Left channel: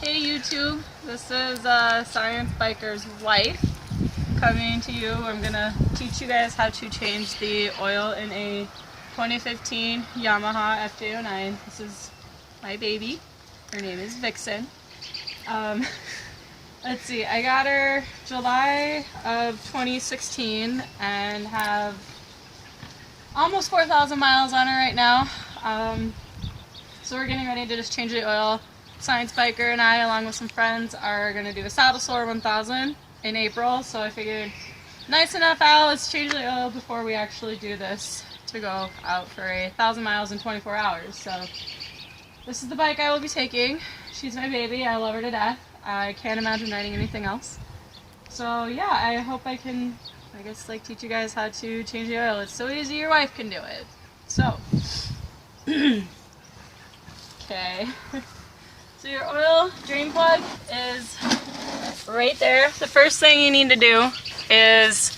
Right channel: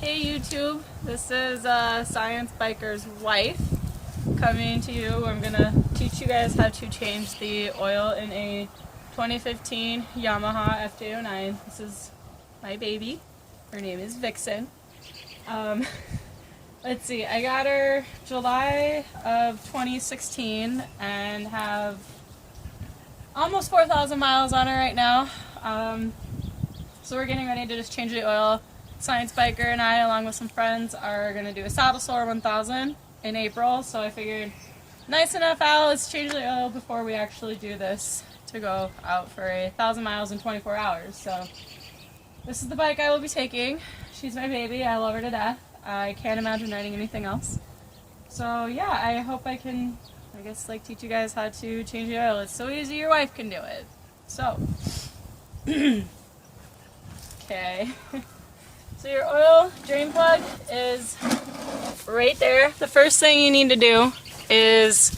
Hey YouTube, this is Science Biker's wife coming to you. I'm gonna teach you guys how to change the oil in a 2015 Yamaha FJ-09. This is my baby. Her name is Vixen. Let's see, I got her July of 2016 and have almost 4,000 miles on her right now. So we're getting ready to just change the oil. Science Biker and I, along with some friends, are going to do a Saddle Sore 1000 in April, so I figured nice enough out, let's change the oil before we actually do this to go out for 1,000 miles in 24 hours. So this is the bike I will be taking. She's my baby. I love her to death. I can't imagine riding anything else. So yeah, I hope I can, teach you guys how to change the oil. It's so easy, your wife can do it. So, okay. So your oil drain plug is right there. The first thing you need to do is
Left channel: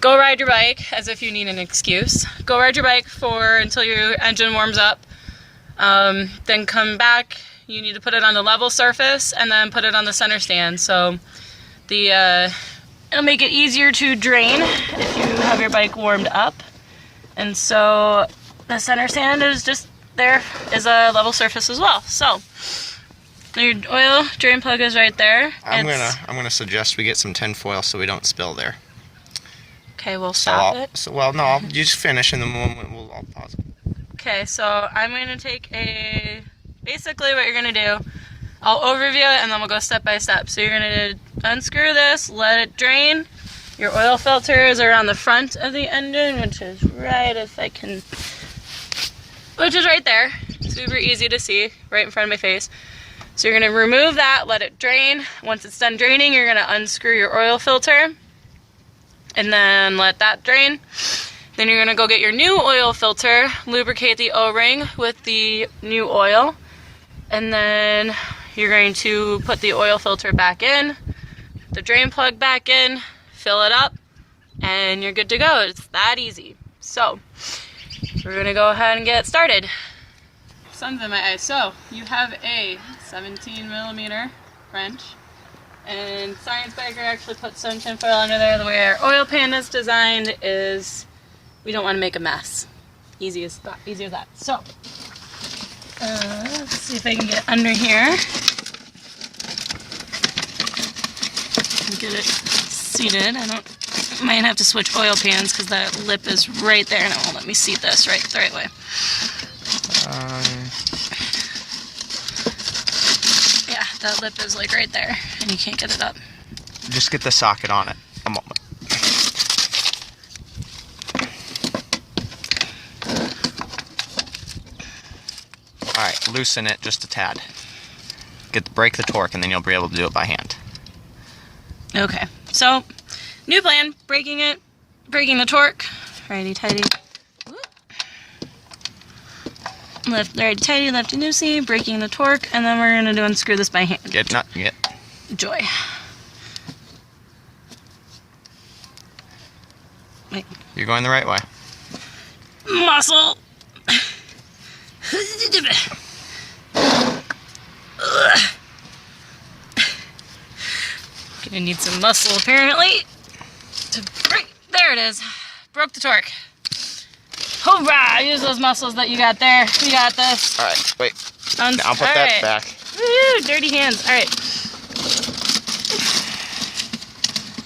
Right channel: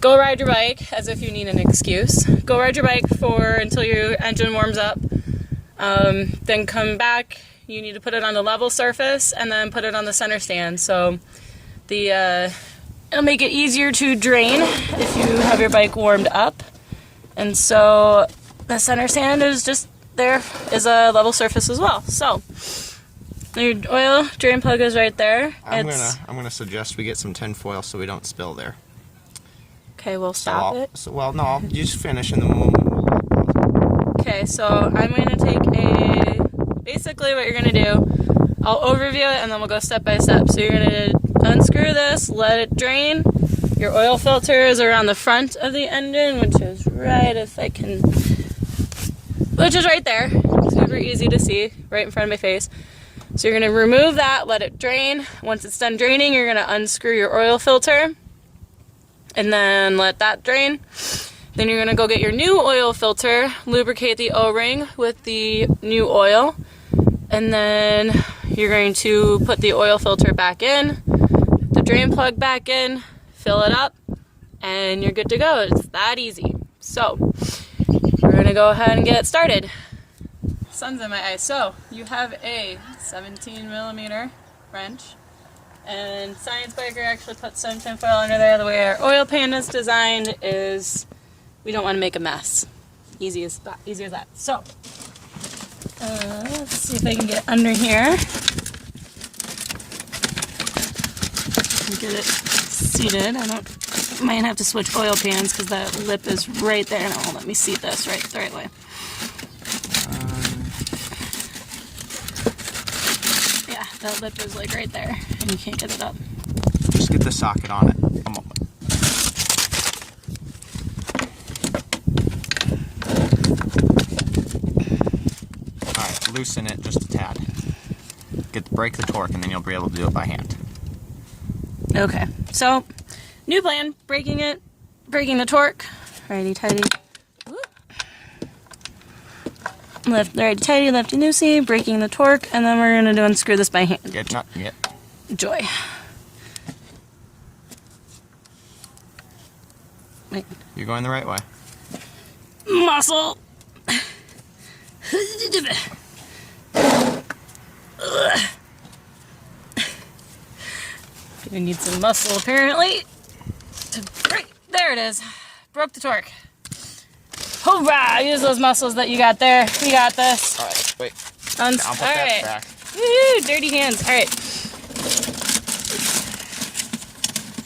go ride your bike, as if you need an excuse. Go ride your bike until your engine warms up. Then come back. You need to put it on the level surface and then put it on the center stand. So it'll make it easier to drain if you have your bike warmed up. And so the center stand is just there is a level surface as well. So your oil drain plug is right there. I'm gonna suggest we get some tin foil so we don't spill there. Okay, we'll stop it. I'll just finish in the moment. We'll pause. Okay, so I'm gonna take basically what you're gonna do. I'll overview it and then we'll go step by step. So you're gonna unscrew this, let it drain. Your oil filter is around the front of the engine, which is right there. Super easy to see, right in front of my face. So you're going to remove that, let it drain. Once it's done draining, you're going to unscrew your oil filter and then let that drain. Then you're going to go get your new oil filter, lubricate the O-ring with the new oil, and then you're going to put the oil filter back in, the drain plug back in, fill it up, and you're good to go. It's that easy. So we're going to go ahead and get started. Sun's in my eyes. So you have a 17mm wrench, and Science Biker actually put some tinfoil under there. The way our oil pan is designed is we don't want to make a mess. Easy as that. So let's see if I can get under here and get it seated. I might have to switch oil pans because that lip is right there and it won't let me seat this the right way. Yeah, that lip is like right there and you can't get it up. Just get the socket on it. A moment. Alright, loosen it just a tad. Break the torque and then you'll be able to do it by hand. Okay, so new plan, breaking the torque, righty tighty, righty tighty, lefty loosey, breaking the torque, and then we're going to unscrew this by hand. Joy. Wait. You're going the right way. Muscle. Gonna need some muscle apparently. There it is. Broke the torque. Hoorah! Use those muscles that you got there. We got this. Alright, wait. I'll put that back. Woo! Dirty hands. Alright.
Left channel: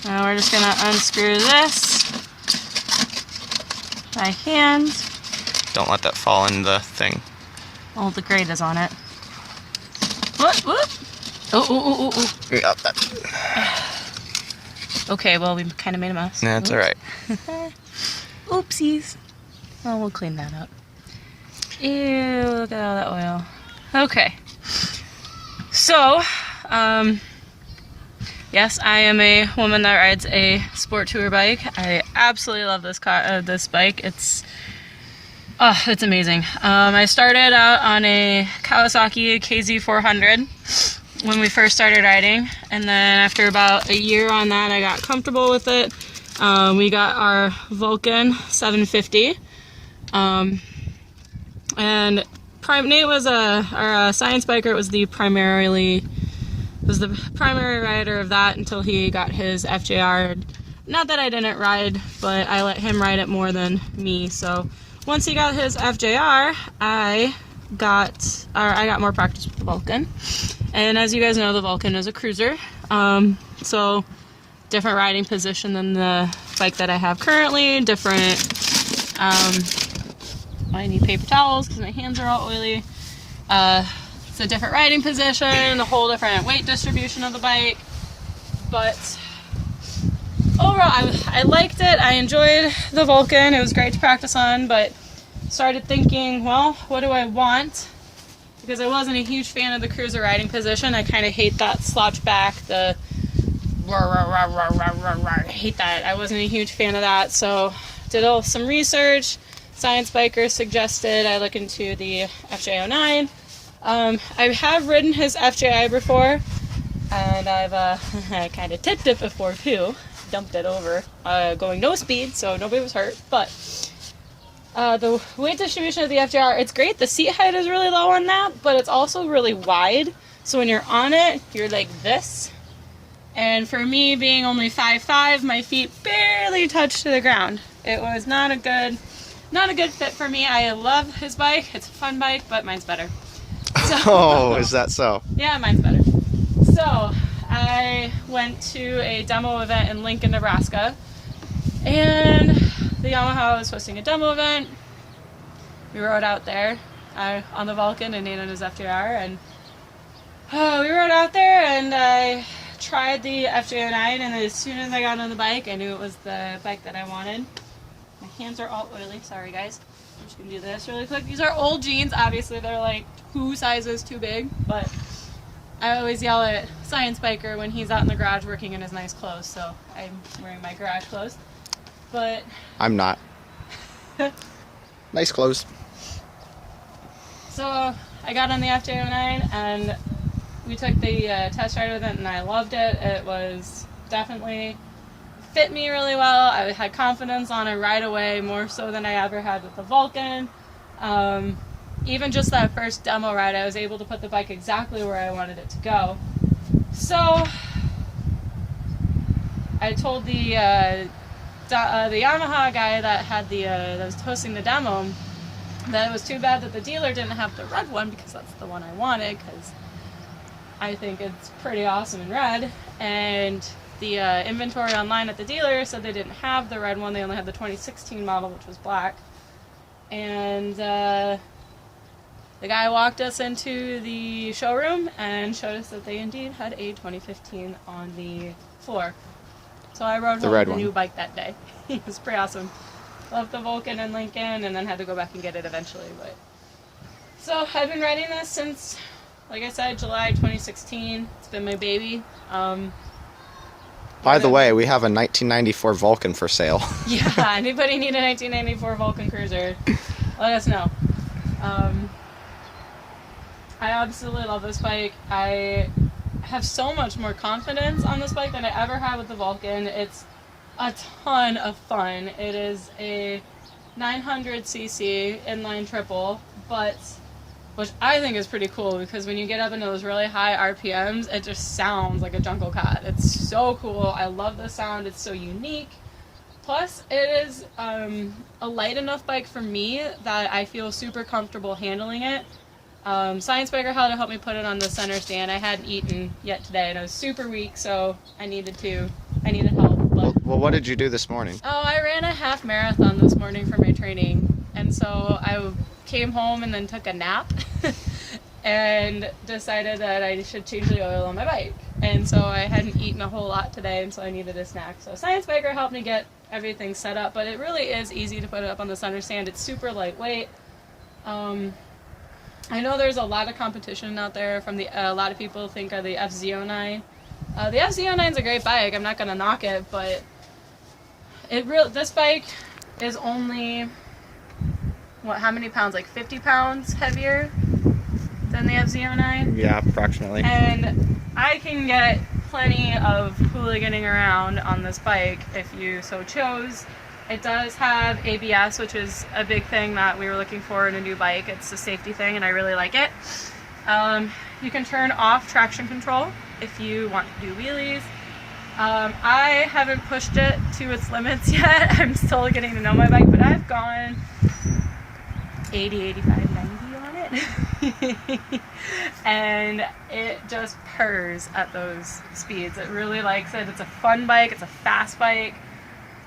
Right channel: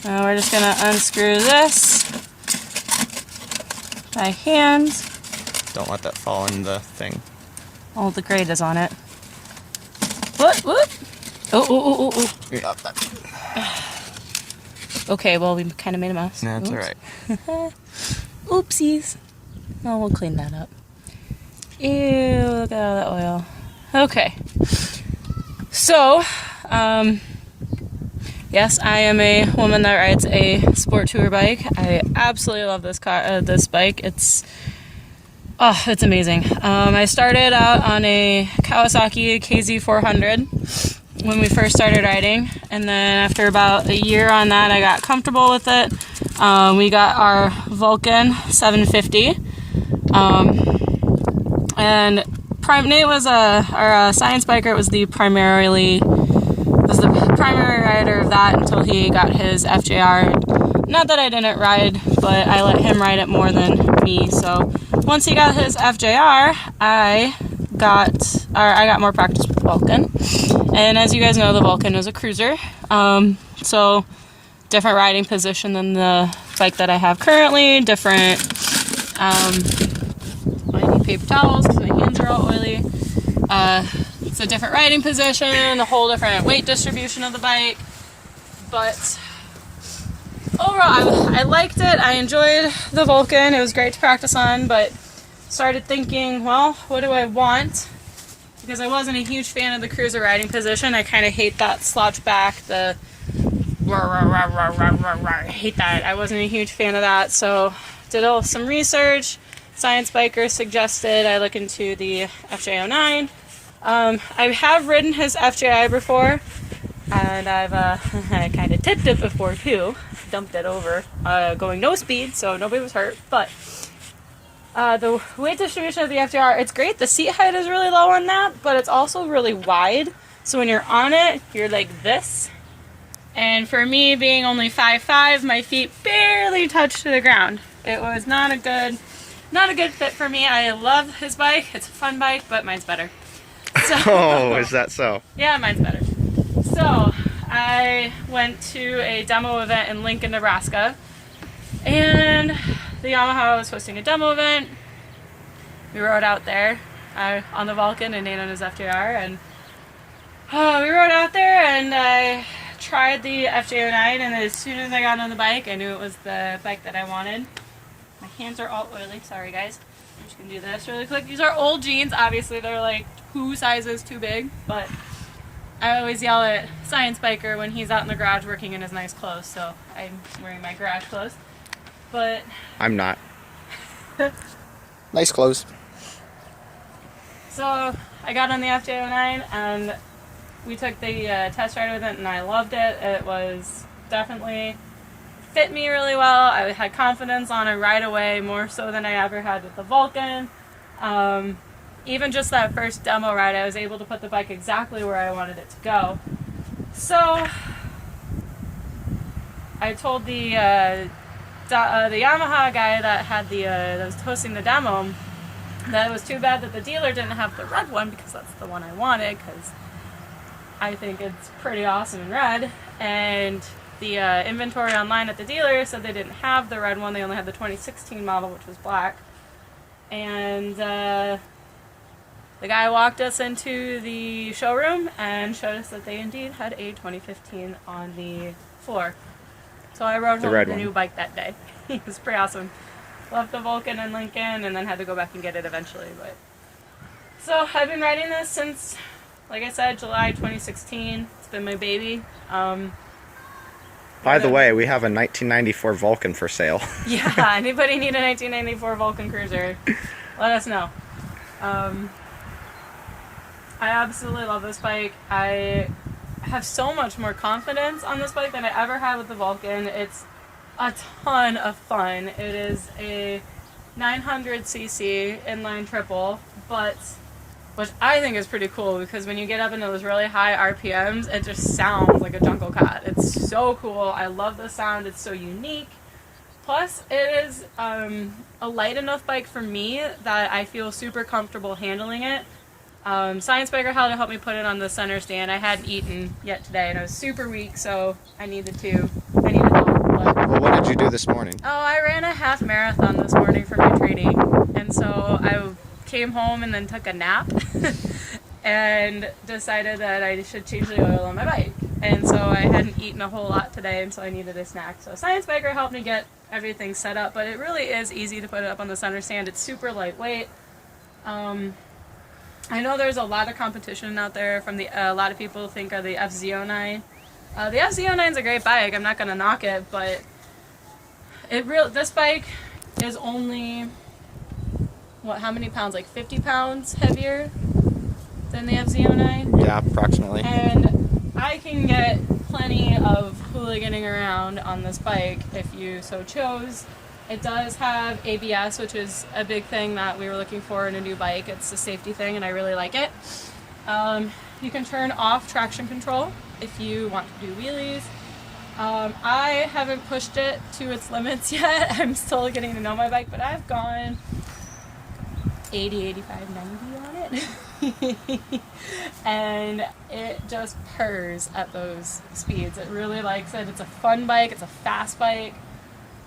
Now we're just gonna unscrew this by hand. Don't let that fall in the thing. Oh, the grate is on it. Whoop! Oh. We got that. Okay, well, we kind of made a mess. That's alright. Oopsies. Oh, we'll clean that up. Ew, look at all that oil. Okay. So, yes, I am a woman that rides a sport tour bike. I absolutely love this bike. It's amazing. I started out on a Kawasaki KZ400 when we first started riding, and then after about a year on that, I got comfortable with it. We got our Vulcan 750, and Nate was our Science Biker. It was the primarily was the primary rider of that until he got his FJR. Not that I didn't ride, but I let him ride it more than me. So once he got his FJR, I got more practice with the Vulcan. And as you guys know, the Vulcan is a cruiser. So different riding position than the bike that I have currently. Different, I need paper towels because my hands are all oily. It's a different riding position, a whole different weight distribution of the bike. But overall, I liked it. I enjoyed the Vulcan. It was great to practice on, but started thinking, well, what do I want? Because I wasn't a huge fan of the cruiser riding position. I kind of hate that slouch back, the I hate that. I wasn't a huge fan of that, so did some research. Science Biker suggested I look into the FJ-09. I have ridden his FJI before, and I've kind of tipped it before too. Dumped it over, going no speed, so nobody was hurt. But the weight distribution of the FJR, it's great. The seat height is really low on that, but it's also really wide. So when you're on it, you're like this. And for me, being only 5'5", my feet barely touch to the ground. It was not a good fit for me. I love his bike. It's a fun bike, but mine's better. So, Oh, is that so? Yeah, mine's better. So I went to a demo event in Lincoln, Nebraska, and the Yamaha was hosting a demo event. We rode out there on the Vulcan and Nate on his FJR, and we rode out there, and I tried the FJ-09, and as soon as I got on the bike, I knew it was the bike that I wanted. My hands are all oily. Sorry, guys. I'm just going to do this really quick. These are old jeans. Obviously, they're like 2 sizes too big, but I always yell at Science Biker when he's out in the garage working in his nice clothes, so I'm wearing my garage clothes. But I'm not. Nice clothes. So I got on the FJ-09, and we took the test ride with it, and I loved it. It was definitely fit me really well. I had confidence on it right away, more so than I ever had with the Vulcan. Even just that first demo ride, I was able to put the bike exactly where I wanted it to go. So I told the Yamaha guy that had that was hosting the demo that it was too bad that the dealer didn't have the red one, because that's the one I wanted, because I think it's pretty awesome in red. And the inventory online at the dealer said they didn't have the red one. They only had the 2016 model, which was black. And the guy walked us into the showroom and showed us that they indeed had a 2015 on the floor. So I rode home with a new bike that day. It was pretty awesome. Left the Vulcan in Lincoln, and then had to go back and get it eventually. But so I've been riding this since, like I said, July 2016. It's been my baby. By the way, we have a 1994 Vulcan for sale. Yeah, anybody need a 1994 Vulcan Cruiser, let us know. I absolutely love this bike. I have so much more confidence on this bike than I ever had with the Vulcan. It's a ton of fun. It is a 900cc inline triple, which I think is pretty cool, because when you get up into those really high RPMs, it just sounds like a jungle cat. It's so cool. I love the sound. It's so unique. Plus, it is a light enough bike for me that I feel super comfortable handling it. Science Biker had to help me put it on the center stand. I hadn't eaten yet today, and I was super weak, so I needed help. But, well, what did you do this morning? Oh, I ran a half marathon this morning for my training, and so I came home and then took a nap and decided that I should change the oil on my bike. And so I hadn't eaten a whole lot today, and so I needed a snack. So Science Biker helped me get everything set up, but it really is easy to put it up on the center stand. It's super lightweight. I know there's a lot of competition out there from a lot of people think are the FZ-09. The FZ-09 is a great bike. I'm not going to knock it, but this bike is only, how many pounds? Like 50 pounds heavier than the FZ-09? Yeah, approximately. And I can get plenty of hooliganing around on this bike if you so chose. It does have ABS, which is a big thing that we were looking for in a new bike. It's a safety thing, and I really like it. You can turn off traction control, if you want to do wheelies. I haven't pushed it to its limits yet. I'm still getting to know my bike, but I've gone 80, 85, 90 on it. And it just purrs at those speeds. It really likes it. It's a fun bike. It's a fast bike.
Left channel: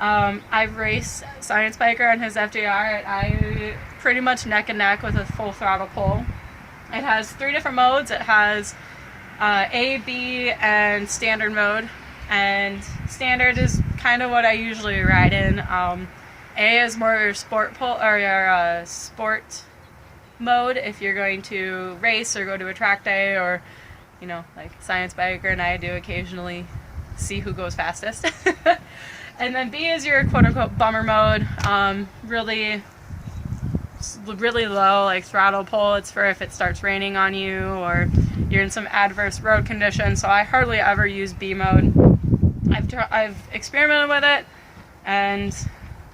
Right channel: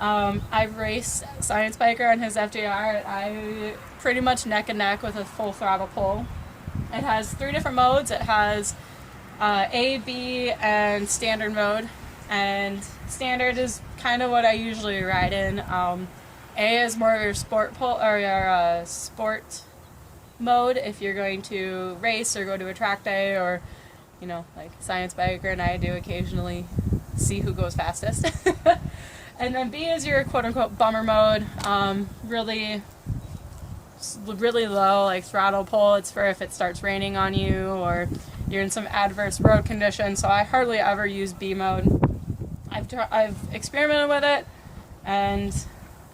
I've raced Science Biker on his FJ-09, and I pretty much neck and neck with a full throttle pull. It has 3 different modes. It has A, B, and standard mode. And standard is kind of what I usually ride in. A is more your sport pull or your sport mode if you're going to race or go to a track day, or you know, like Science Biker and I do occasionally see who goes fastest. And then B is your quote unquote bummer mode. Really low, like throttle pull. It's for if it starts raining on you or you're in some adverse road conditions. So I hardly ever use B mode. I've experimented with it, and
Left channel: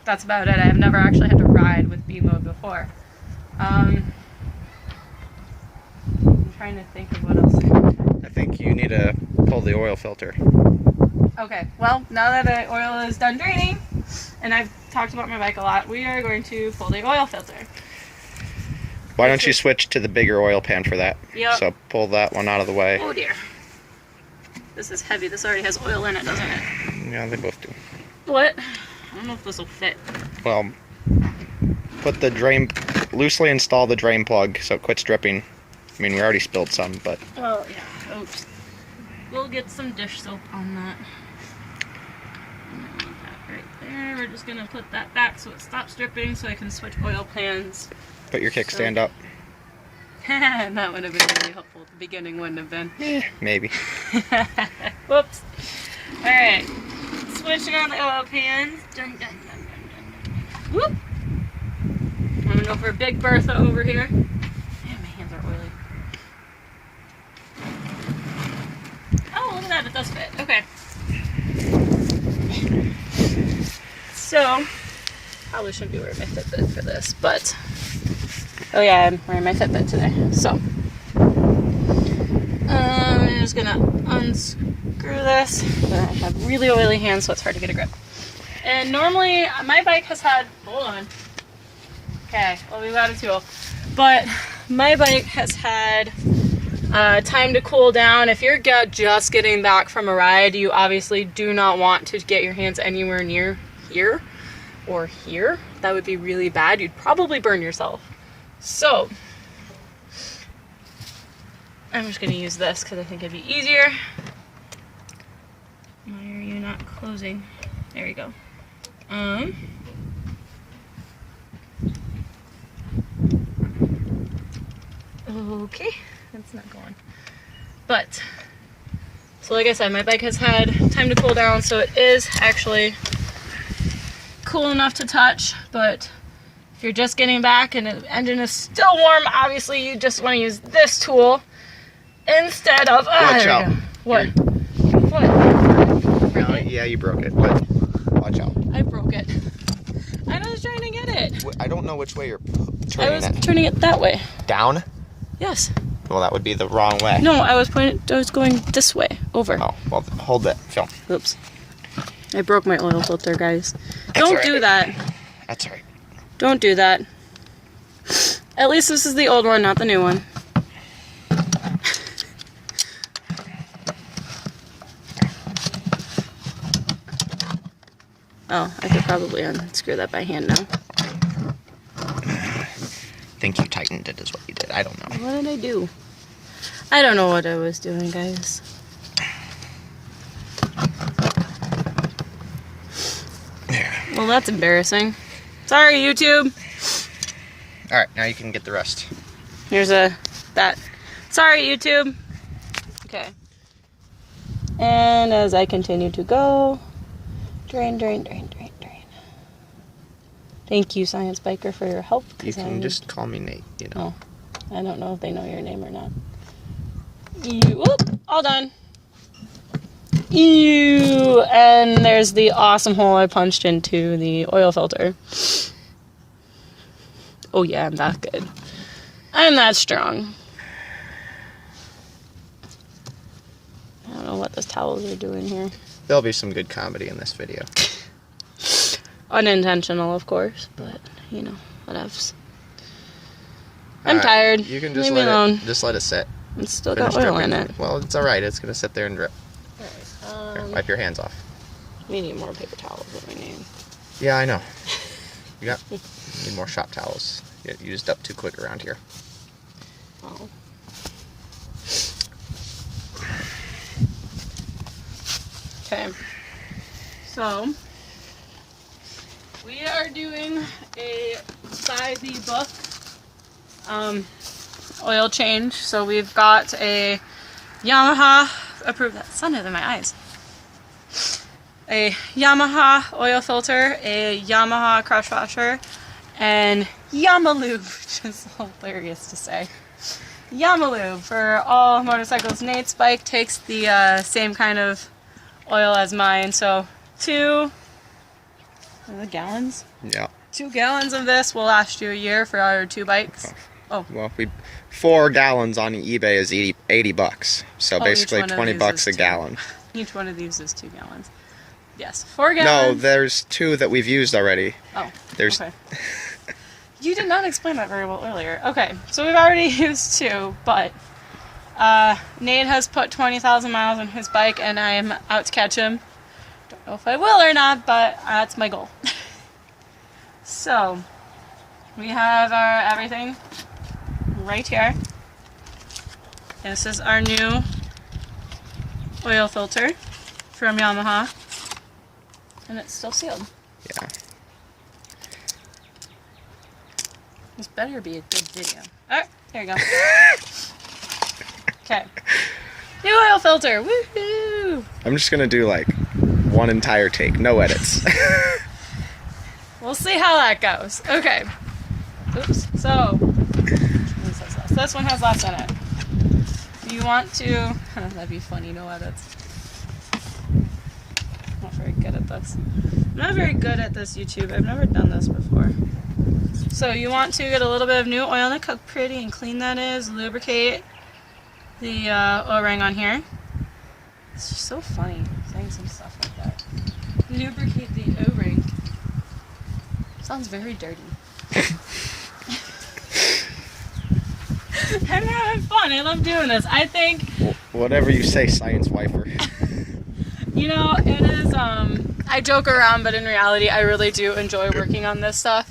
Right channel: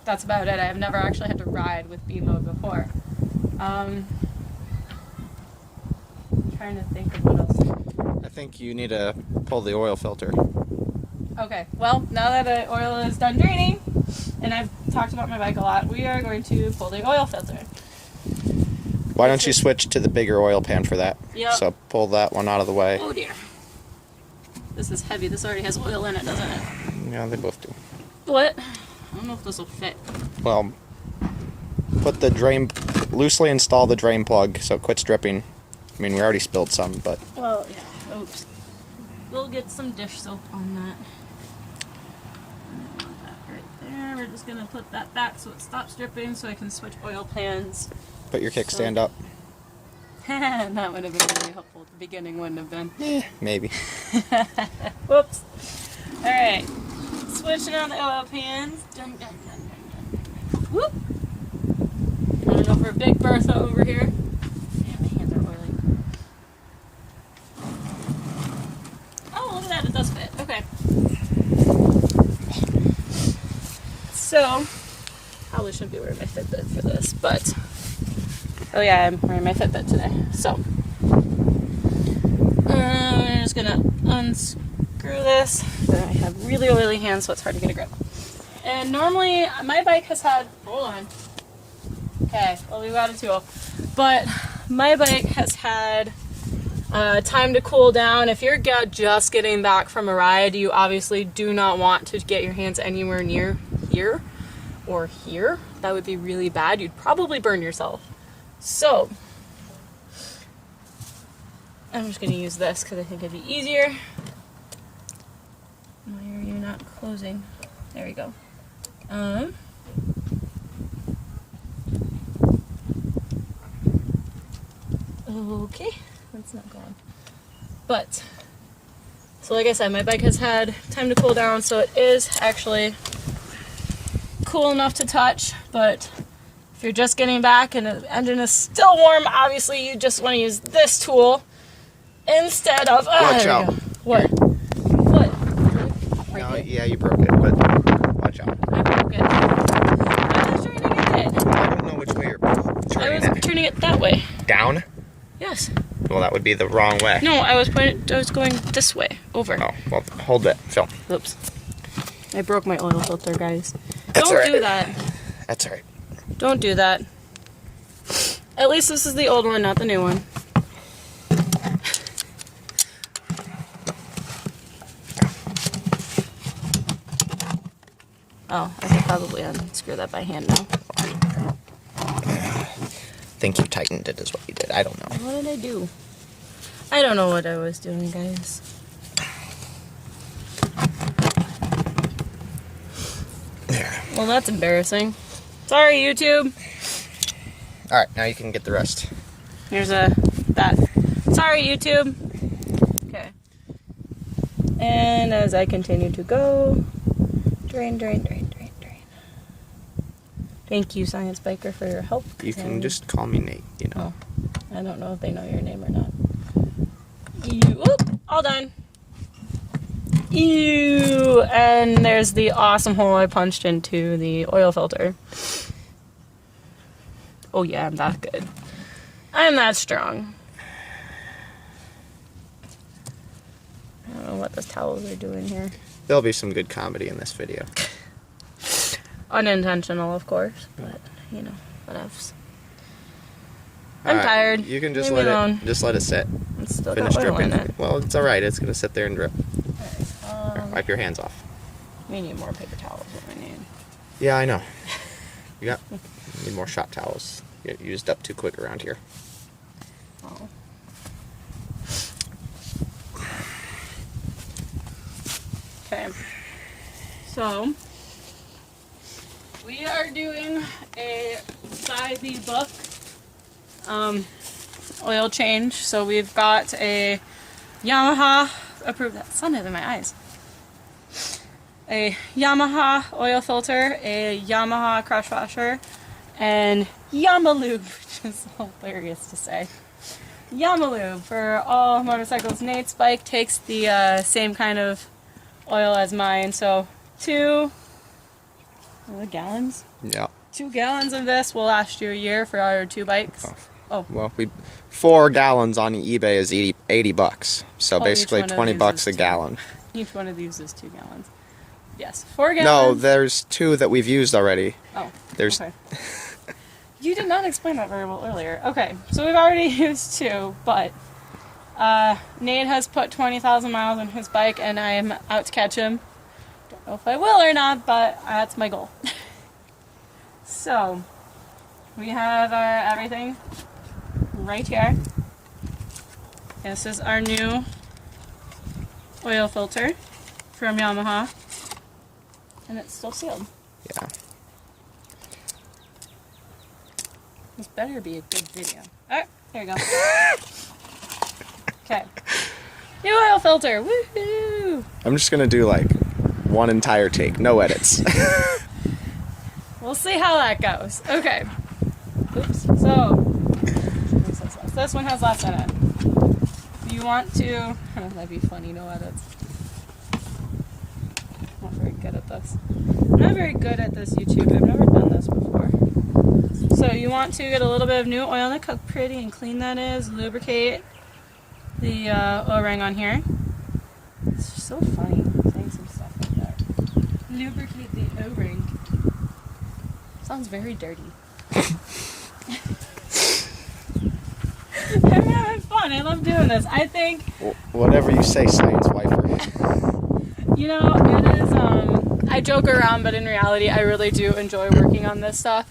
that's about it. I've never actually had to ride with B mode before. I'm trying to think of what else. I think you need to pull the oil filter. Okay, well, now that the oil is done draining, and I've talked about my bike a lot, we are going to pull the oil filter. Why don't you switch to the bigger oil pan for that? Yep. So pull that one out of the way. Oh dear. This is heavy. This already has oil in it, doesn't it? Yeah, they both do. What? I don't know if this will fit. Well, put the drain, loosely install the drain plug so it quits dripping. I mean, we already spilled some, but... Well, yeah. Oops. We'll get some dish soap on that. And I want that right there. We're just going to put that back so it stops dripping so I can switch oil pans. Put your kickstand up. And that would have been really helpful at the beginning, wouldn't have been? Maybe. Whoops. Alright. Switching on the oil pans. Dun, dun, dun, dun, dun. Whoop. I'm going to go for a Big Bertha over here. Man, my hands are oily. Oh, look at that. It does fit. Okay. So, probably shouldn't be wearing my Fitbit for this, but... Oh yeah, I'm wearing my Fitbit today. So, I'm just gonna unscrew this. But I have really oily hands, so it's hard to get a grip. And normally, my bike has had, hold on. Okay, well we've got a tool. But my bike has had time to cool down. If you're just getting back from a ride, you obviously do not want to get your hands anywhere near here or here. That would be really bad. You'd probably burn yourself. So, I'm just going to use this because I think it'd be easier. Why are you not closing? There we go. Okay, that's not going. But, so like I said, my bike has had time to cool down, so it is actually cool enough to touch, but if you're just getting back and the engine is still warm, obviously you just want to use this tool instead of... Watch out. What? What? No, yeah, you broke it, but watch out. I broke it. I was trying to get it. I don't know which way you're turning I was it. turning it that way. Down? Yes. Well, that would be the wrong way. No, I was going this way, over. Oh, well, hold it, Phil. Oops. I broke my oil filter, guys. That's Don't all right. do that. That's alright. Don't do that. At least this is the old one, not the new one. Oh, I could probably unscrew that by hand now. I think you tightened it is what you did. I don't know. What did I do? I don't know what I was doing, guys. There. Well, that's embarrassing. Sorry, YouTube. Alright, now you can get the rest. Here's that. Sorry, YouTube. Okay. And as I continue to go, drain, drain, drain, drain, drain. Thank you, Science Biker, for your help. You can just call me Nate, you know. Oh, I don't know if they know your name or not. Ew, oop, all done. Ew, and there's the awesome hole I punched into the oil filter. Oh yeah, I'm that good. I'm that strong. those towels are doing here. There'll be some good comedy in this video. Unintentional, of course, but you know, whatevs. I'm tired. You can just Leave me let alone. it. Just let it sit. It's still Finish got oil dripping. in it. Well, it's all right. It's gonna sit there and drip. Here, wipe your hands off. We need more paper towels than we need. Yeah, I know. You need more shop towels. You get used up too quick around here. Oh. Okay. So we are doing a by the book oil change. So we've got a Yamaha approved. That sun is in my eyes. A Yamaha oil filter, a Yamaha crush washer, and Yamalube, which is hilarious to say. Yamalube for all motorcycles. Nate's bike takes the same kind of oil as mine, so 2 gallons? Yeah. 2 gallons of this will last you a year for our 2 bikes. Oh. Well, 4 gallons on eBay is 80 bucks. So basically 20 bucks a gallon. Each one of these is 2 gallons. Yes, 4 No, gallons. there's 2 that we've used already. Oh, There's okay. You did not explain that very well earlier. Okay, so we've already used 2, but Nate has put 20,000 miles on his bike, and I am out to catch him. Don't know if I will or not, but that's my goal. So, we have our everything right here. This is our new oil filter from Yamaha, and it's still sealed. Yeah. This better be a good video. Alright, there you go. Okay. New oil filter! Woohoo! I'm just gonna do like one entire take, no edits. We'll see how that goes. Okay. Oops. So, this one has less in it. You want to... that'd be funny, no edits. I'm not very good at this. I'm not very good at this YouTube. I've never done this before. So you want to get a little bit of new oil. Look how pretty and clean that is. Lubricate the O-ring on here. It's just so funny saying some stuff like that. Lubricate the O-ring. Sounds very dirty. I'm having fun. I love doing this. I think... Whatever you say, science wiper. You know, it is, I joke around, but in reality, I really do enjoy working on this stuff.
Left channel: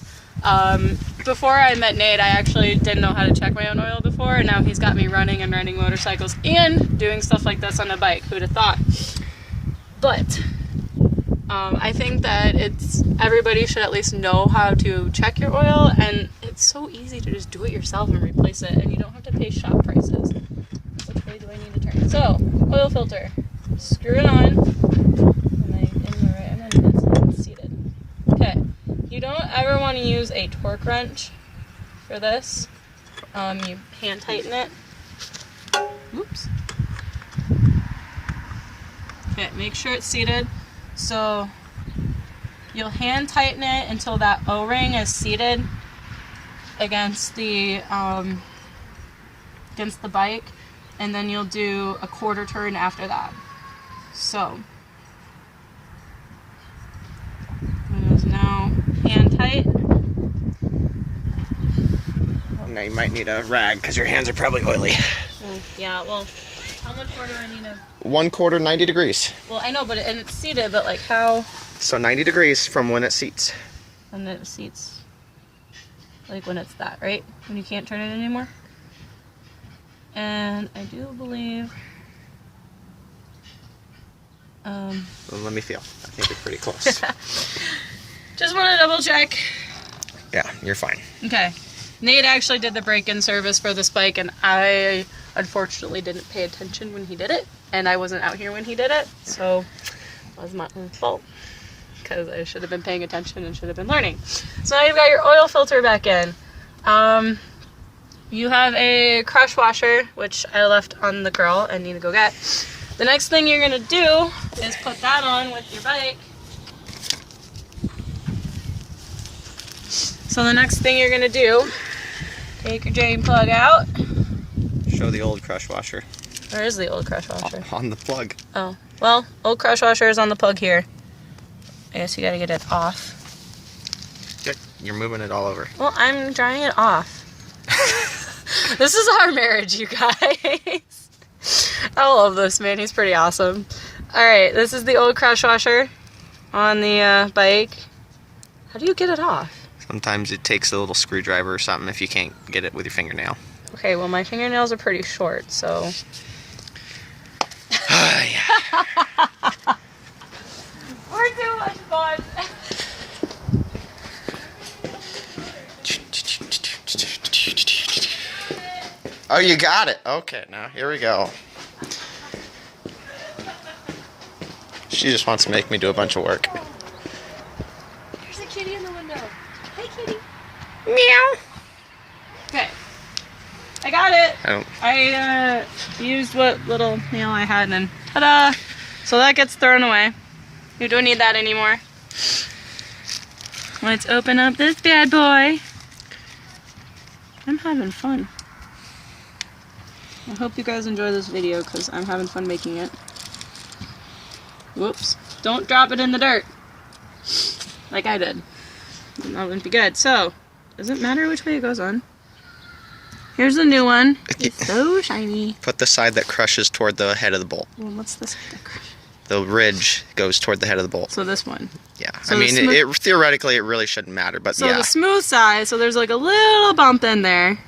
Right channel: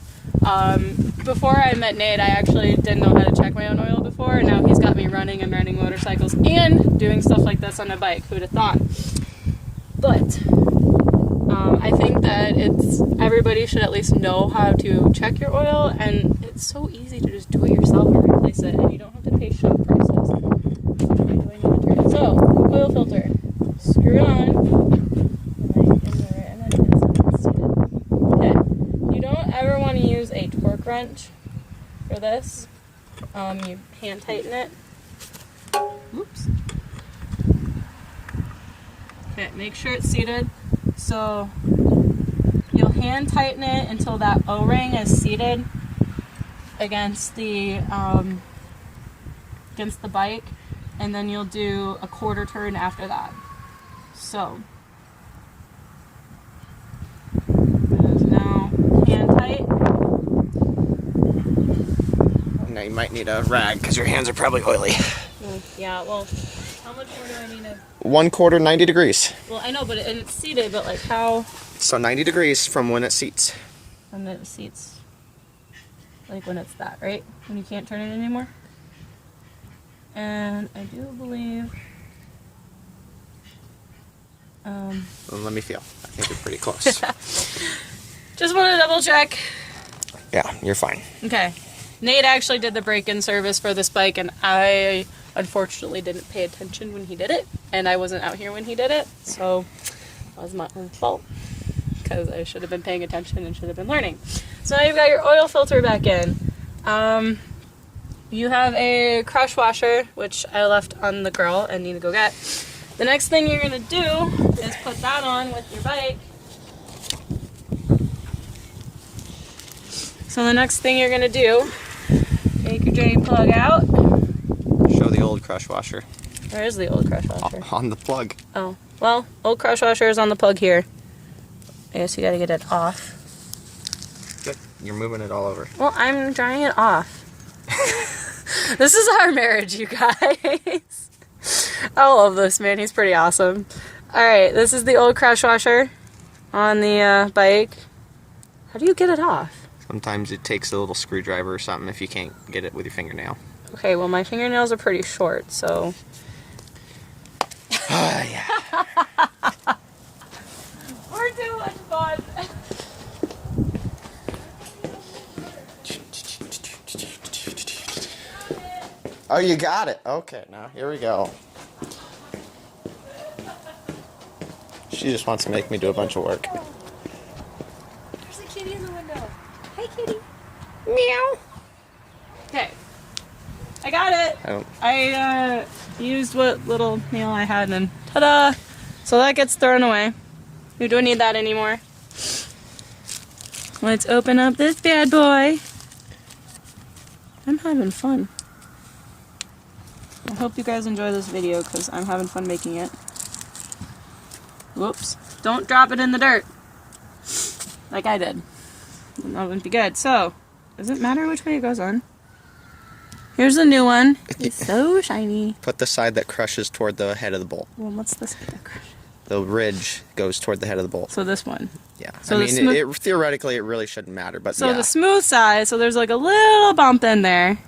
Before I met Nate, I actually didn't know how to check my own oil before, and now he's got me running and riding motorcycles and doing stuff like this on a bike. Who'd have thought? But, I think that everybody should at least know how to check your oil, and it's so easy to just do it yourself and replace it, and you don't have to pay shop prices. Which way do I need to turn? So, oil filter. Screw it on, and then it's seated. Okay, you don't ever want to use a torque wrench for this. You hand tighten it. Oops. Okay, make sure it's seated. So you'll hand tighten it until that O-ring is seated against the bike, and then you'll do a quarter turn after that. So, it is now hand tight. Now you might need a rag because your hands are probably oily. Yeah, well, how much more do I need to... 1/4 90 degrees. Well, I know, but and it's seated, but like how... So 90 degrees from when it seats. And then it seats. Like when it's that, right? When you can't turn it anymore. And I do believe... Well, let me feel. I think you're pretty close. Just want to double check. Yeah, you're fine. Okay. Nate actually did the break-in service for this bike, and I unfortunately didn't pay attention when he did it, and I wasn't out here when he did it, so that was my own fault, because I should have been paying attention and should have been learning. So now you've got your oil filter back in. You have a crush washer, which I left on the girl and need to go get. The next thing you're going to do is put that on with your bike. So the next thing you're going to do, take your drain plug out. Show the old crush washer. Where is the old crush washer? On the plug. Oh. Well, old crush washer is on the plug here. I guess you gotta get it off. Good. You're moving it all over. Well, I'm drying it off. This is our marriage, you guys. I love this man. He's pretty awesome. Alright, this is the old crush washer on the bike. How do you get it off? Sometimes it takes a little screwdriver or something if you can't get it with your fingernail. Okay, well, my fingernails are pretty short, so... Yeah. We're too much fun. Oh, you got it. Okay, now here we go. She just wants to make me do a bunch of work. There's a kitty in the window. Hi, kitty. Meow. Okay. I got it. I don't... I used what little nail I had and ta-da! So that gets thrown away. You don't need that anymore. Let's open up this bad boy. I'm having fun. I hope you guys enjoy this video because I'm having fun making it. Whoops. Don't drop it in the dirt. Like I did. That wouldn't be good. So, does it matter which way it goes on? Here's the new one. It's so shiny. Put the side that crushes toward the head of the bolt. Well, what's this? The ridge goes toward the head of the bolt. So this one. Yeah. So I mean, the theoretically, it really shouldn't matter, but So yeah. the smooth side, so there's like a little bump in there.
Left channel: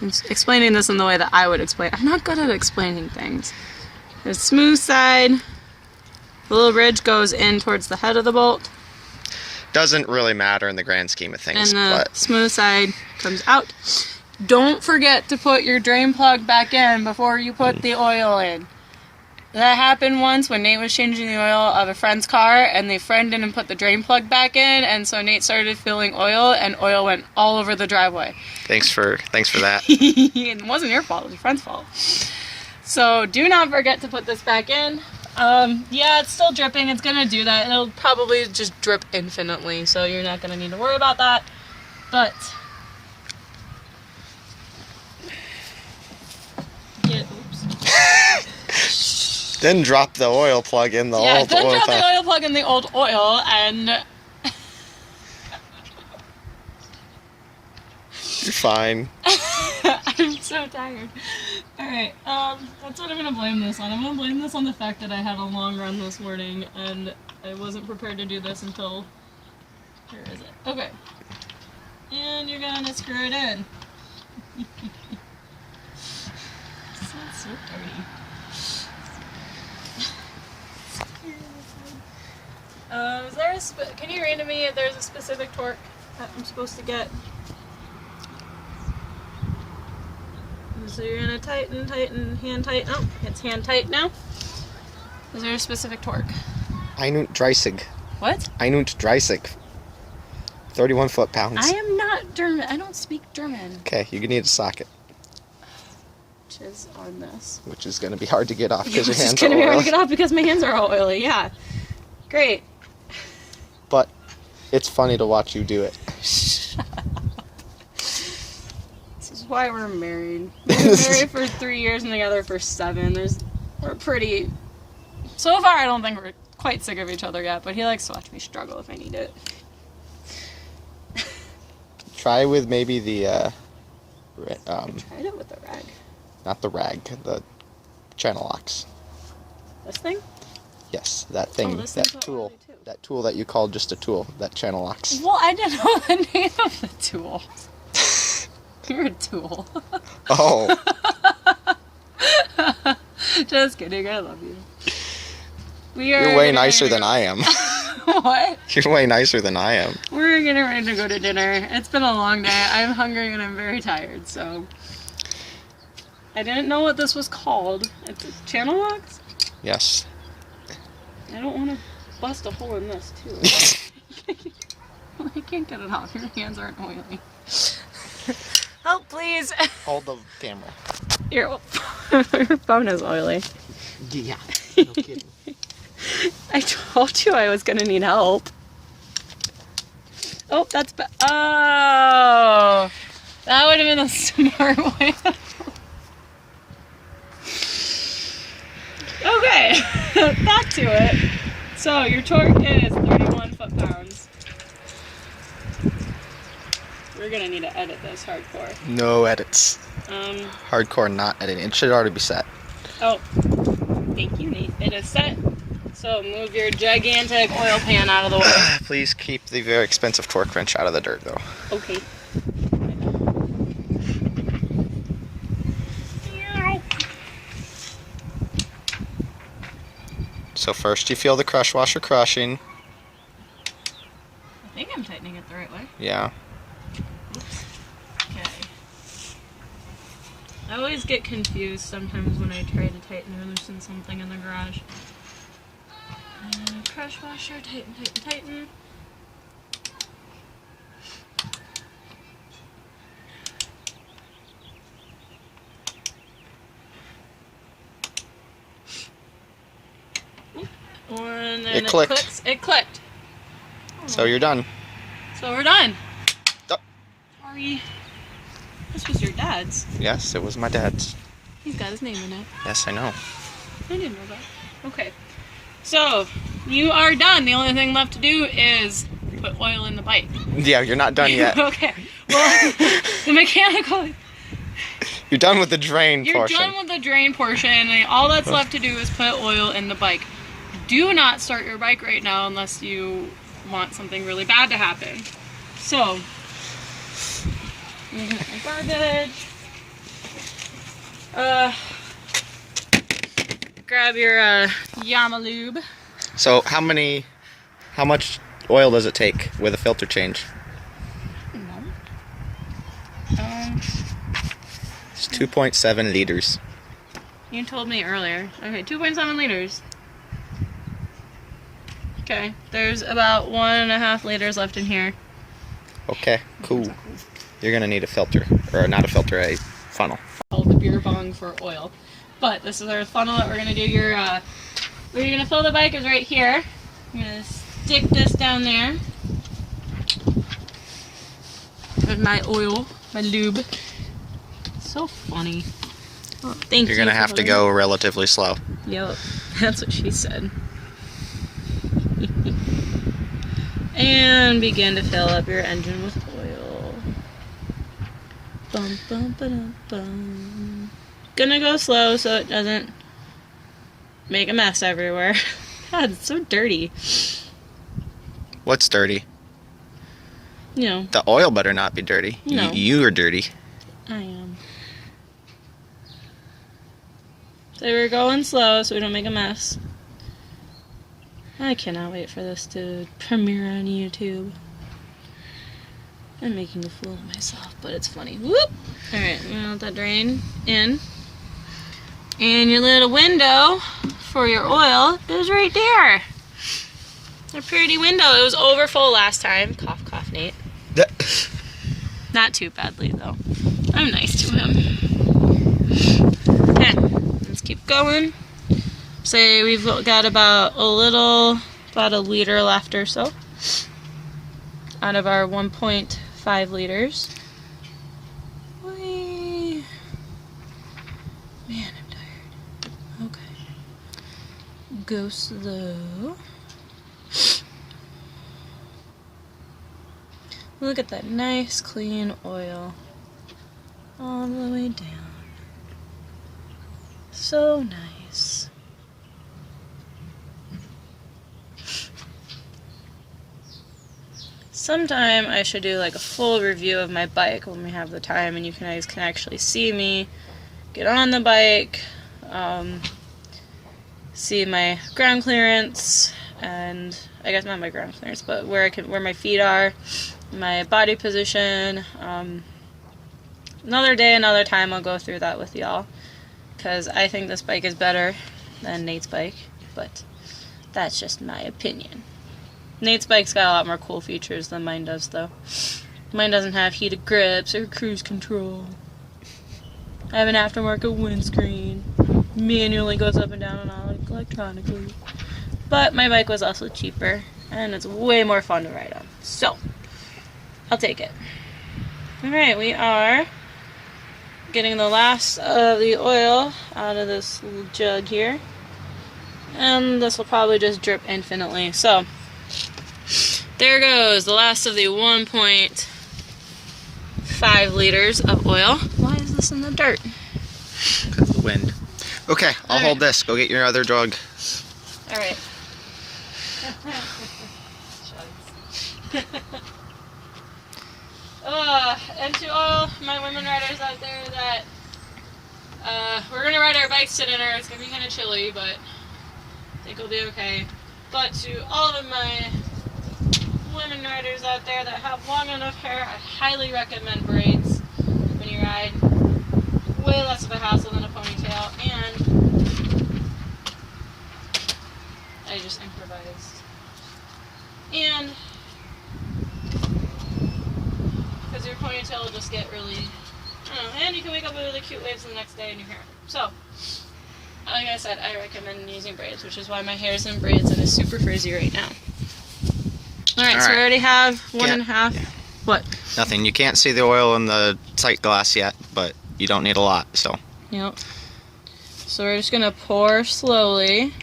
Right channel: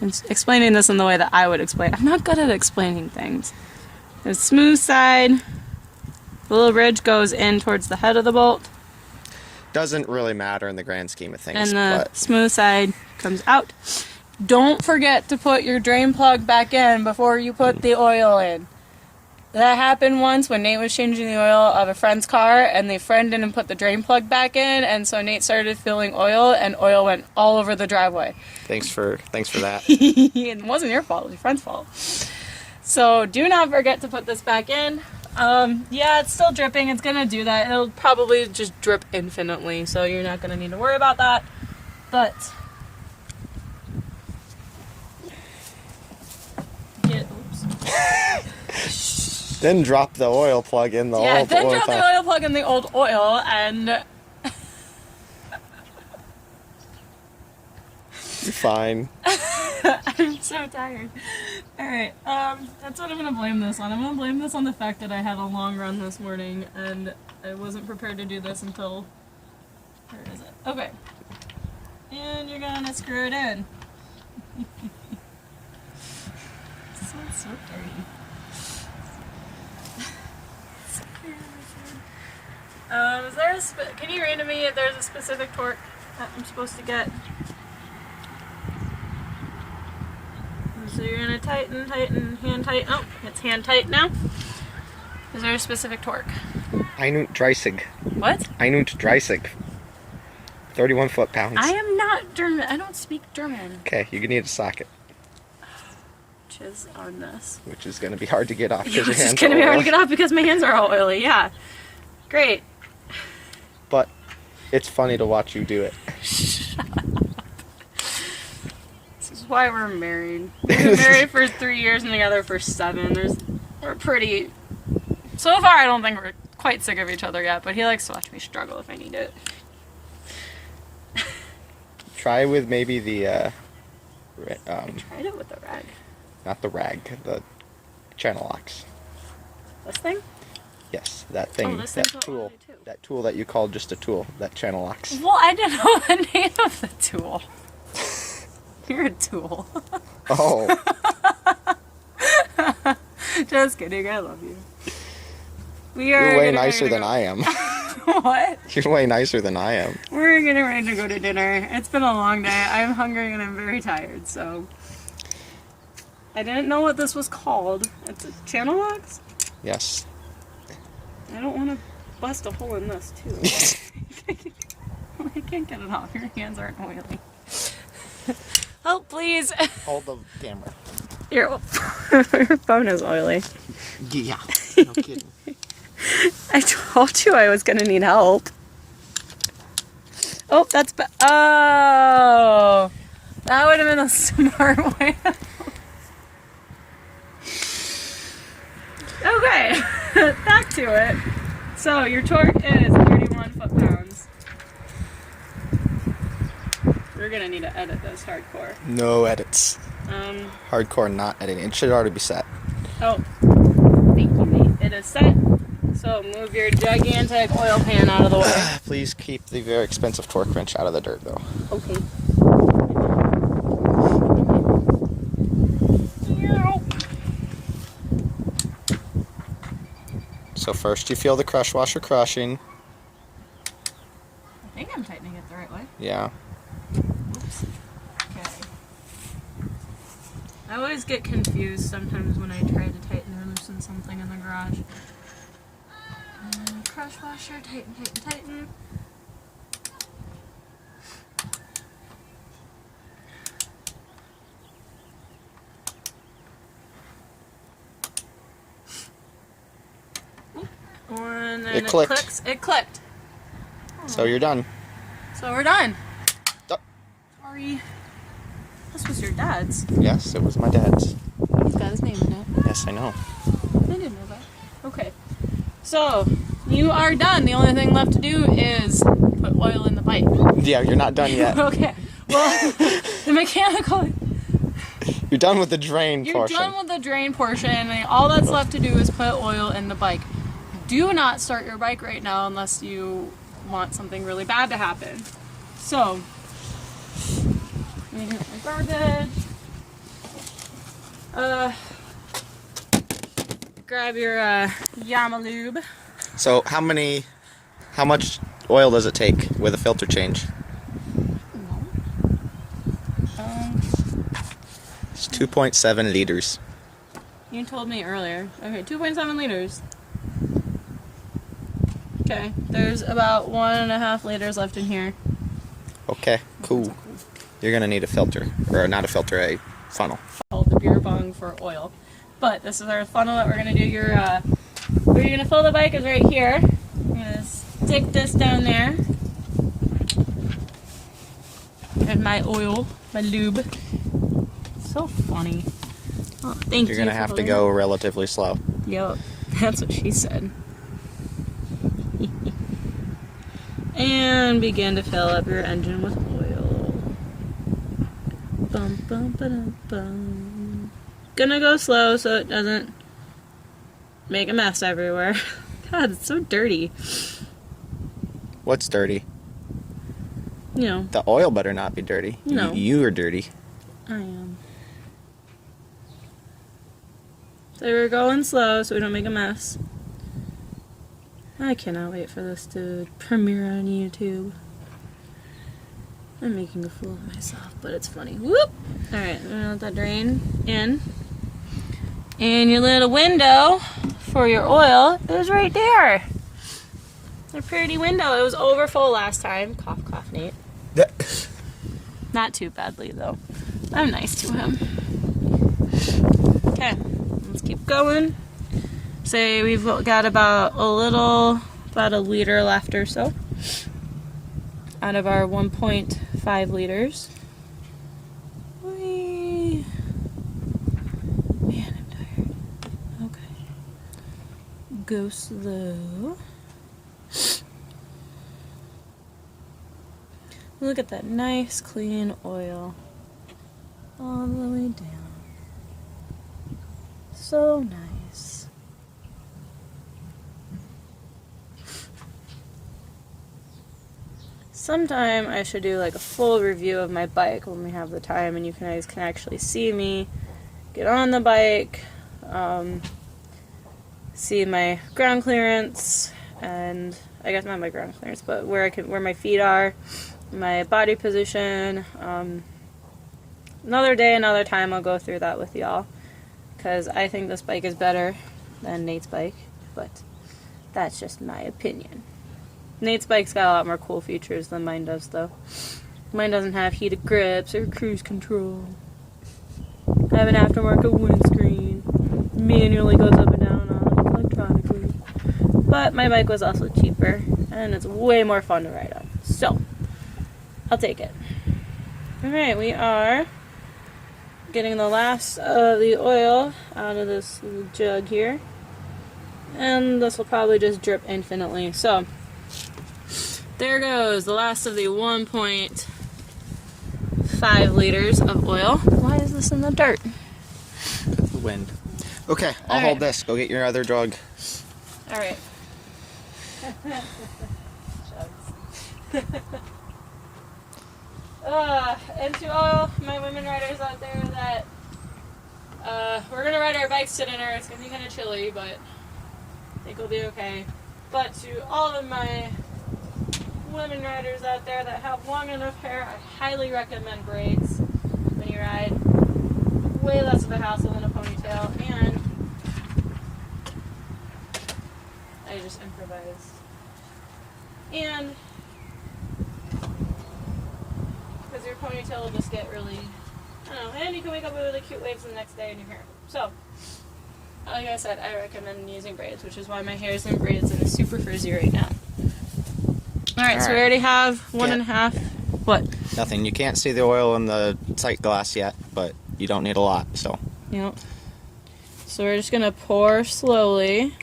I'm explaining this in the way that I would explain. I'm not good at explaining things. The smooth side, the little ridge goes in towards the head of the bolt, Doesn't really matter in the grand scheme of things, and the but smooth side comes out. Don't forget to put your drain plug back in before you put the oil in. That happened once when Nate was changing the oil of a friend's car, and the friend didn't put the drain plug back in, and so Nate started filling oil, and oil went all over the driveway. thanks for that. It wasn't your fault, it was your friend's fault. So do not forget to put this back in. Yeah, it's still dripping, it's gonna do that. It'll probably just drip infinitely, so you're not gonna need to worry about that. But oops. Then drop the oil plug in the Yeah, old then oil drop tank. the oil plug in the old oil, and You're fine. I'm so tired. Alright, that's what I'm gonna blame this on. I'm gonna blame this on the fact that I had a long run this morning, and I wasn't prepared to do this until... Where is it? Okay. And you're gonna screw it in. This one's so dirty. Is there a can you read to me if there's a specific torque that I'm supposed to get? So you're gonna tighten, hand tight. Oh, it's hand tight now. Is there a specific torque? Einund 30. What? Einund 30. 31 foot-pounds. I am not German. I don't speak German. Okay, you need a socket, Which is on this. which is going to be hard to get off because your It's hands gonna are be hard to oily. get off because my hands are all oily. Yeah. Great. But it's funny to watch you do it. This is why we're married. We've been married for 3 years and together for 7. We're pretty... So far, I don't think we're quite sick of each other yet, but he likes to watch me struggle if I need it. Try with maybe the, I tried it with the rag. not the rag, the channel locks. This thing? Yes, that thing, Oh, this that thing's tool, oily too. that tool that you called just a tool, that channel locks. Well, I didn't know the name of the tool. You're a tool. Oh, Just kidding, I love you. you're way nicer than I am. What? You're way nicer than I am. We're getting ready to go to dinner. It's been a long day. I'm hungry and I'm very tired, so... I didn't know what this was called. It's a channel locks? Yes. I don't want to bust a hole in this, too. I can't get it off. Your hands aren't oily. Help, please. Hold the camera. Your phone is oily. Yeah, no kidding. I told you I was gonna need help. Oh, that's oh, that would have been a smart way. back to it. So your torque is 31 foot-pounds. We're gonna need to edit this hardcore. No edits. Hardcore not editing. It should already be set. Oh, thank you, Nate. It is set. So move your gigantic oil pan out of the way. Please keep the very expensive torque wrench out of the dirt, though. Okay. So first you feel the crush washer crushing. I think I'm tightening it the right way. Yeah. Oops. Okay. I always get confused sometimes when I try to tighten or loosen something in the garage. Crush washer, tighten, tighten, tighten. And then It clicked. clicks. It clicked. So you're done. So we're done. Duh. Sorry. This was your dad's. Yes, it was my dad's. He's got his name in it. Yes, I know. I didn't know that. Okay. So, you are done. The only thing left to do is put oil in the bike. Yeah, you're not done yet. Okay. Well, the mechanical... You're done with the drain You're portion. done with the drain portion, and all that's left to do is put oil in the bike. Do not start your bike right now unless you want something really bad to happen. So, you get my garbage. Grab your Yamaha lube. So how much oil does it take with a filter change? No. It's 2.7 liters. You told me earlier. Okay, 2.7 liters. Okay, there's about 1.5 liters left in here. Okay, cool. You're gonna need a filter, or not a filter, a funnel. All the beer bong for oil. But this is our funnel that we're gonna do. Your where you're gonna fill the bike is right here. You're gonna stick this down there. And my oil, my lube. So funny. Oh, thank you. You're gonna have to go relatively slow. Yep, that's what she said. And begin to fill up your engine with oil. Bum, bum, ba-dum, bum. Gonna go slow so it doesn't make a mess everywhere. God, it's so dirty. What's dirty? You know, The oil better not be dirty. No. You are dirty. I am. So we're going slow so we don't make a mess. I cannot wait for this to premiere on YouTube. I'm making a fool of myself, but it's funny. Whoop! Alright, I'm gonna let that drain in. And your little window for your oil is right there. A pretty window. It was over full last time. Cough, cough, Nate. Not too badly, though. I'm nice to him. Okay, let's keep going. Say we've got about a liter left or so out of our 1.5 liters. Man, I'm tired. Okay. Go slow. Look at that nice clean oil all the way down. So nice. Sometime I should do like a full review of my bike when we have the time and you guys can actually see me get on the bike, see my ground clearance, and I guess not my ground clearance, but where my feet are, my body position. Another day, another time I'll go through that with y'all, because I think this bike is better than Nate's bike, but that's just my opinion. Nate's bike's got a lot more cool features than mine does, though. Mine doesn't have heated grips or cruise control. I have an aftermarket windscreen. Manually goes up and down electronically. But my bike was also cheaper, and it's way more fun to ride on. So, I'll take it. Alright, we are getting the last of the oil out of this little jug here. And this will probably just drip infinitely. So, there goes the last of the 1.5 liters of oil. Why is this in the dirt? Because of the wind. Okay, I'll hold this. Go get your other drug. Alright. And to all my women riders out there that we're gonna ride our bikes to dinner. It's gonna be kind of chilly, but I think we'll be okay. But to all of my women riders out there that have long enough hair, I highly recommend braids when you ride. Way less of a hassle than a ponytail, and I just improvised. And because your ponytail will just get really, I don't know, and you can wake up with really cute waves the next day in your hair. So, like I said, I recommend using braids, which is why my hair is in braids and is super frizzy right now. Alright, so we already have 1.5. Yeah. What? Nothing. You can't see the oil in the sight glass yet, but you don't need a lot, so. Yep. So we're just going to pour slowly,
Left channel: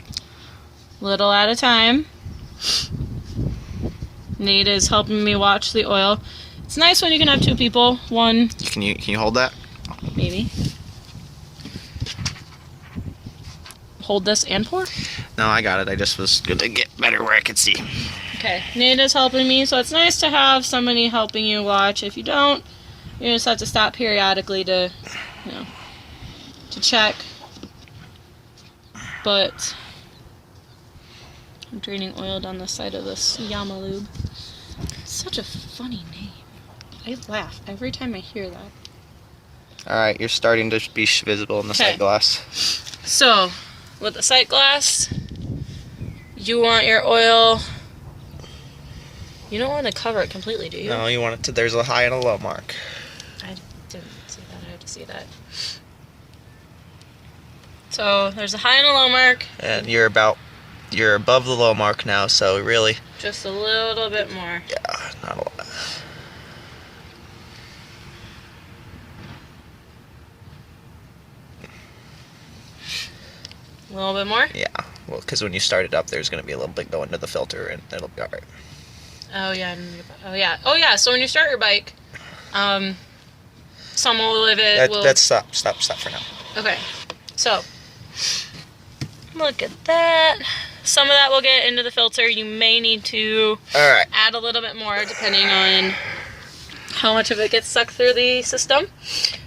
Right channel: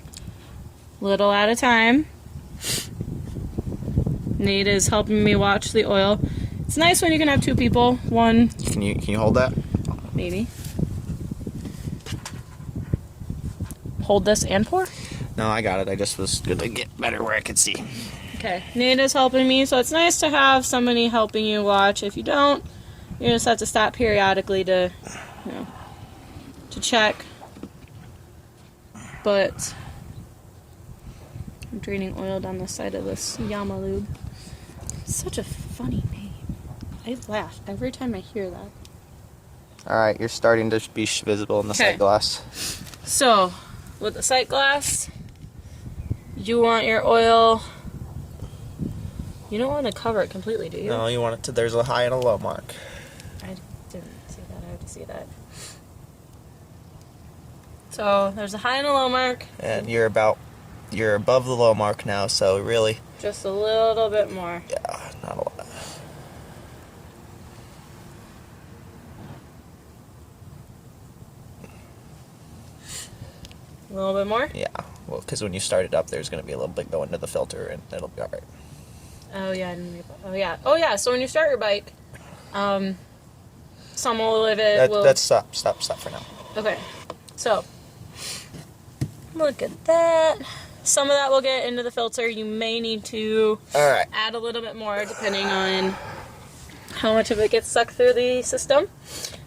little at a time. Nate is helping me watch the oil. It's nice when you can have two people. One. Can you hold that? Maybe. Hold this and pour? No, I got it. I just was gonna get better where I could see. Okay. Nate is helping me, so it's nice to have somebody helping you watch. If you don't, you just have to stop periodically to, you know, to check. But I'm draining oil down the side of this Yamaha lube. It's such a funny name. I laugh every time I hear that. Alright, you're starting to be visible in the sight glass. So, with the sight glass, you want your oil... You don't want to cover it completely, do you? No, you want it to... There's a high and a low mark. I didn't see that. I have to see that. So, there's a high and a low mark. And you're above the low mark now, so really... Just a little bit more. Yeah, not a lot. A little bit more? Yeah, well, because when you start it up, there's going to be a little bit going to the filter, and it'll be alright. Oh, yeah. Oh, yeah. Oh, yeah. So, when you start your bike, someone will live it. That's stop for now. Okay. So, look at that. Some of that will get into the filter. You may need to add a little bit more depending on how much of it gets sucked through the system.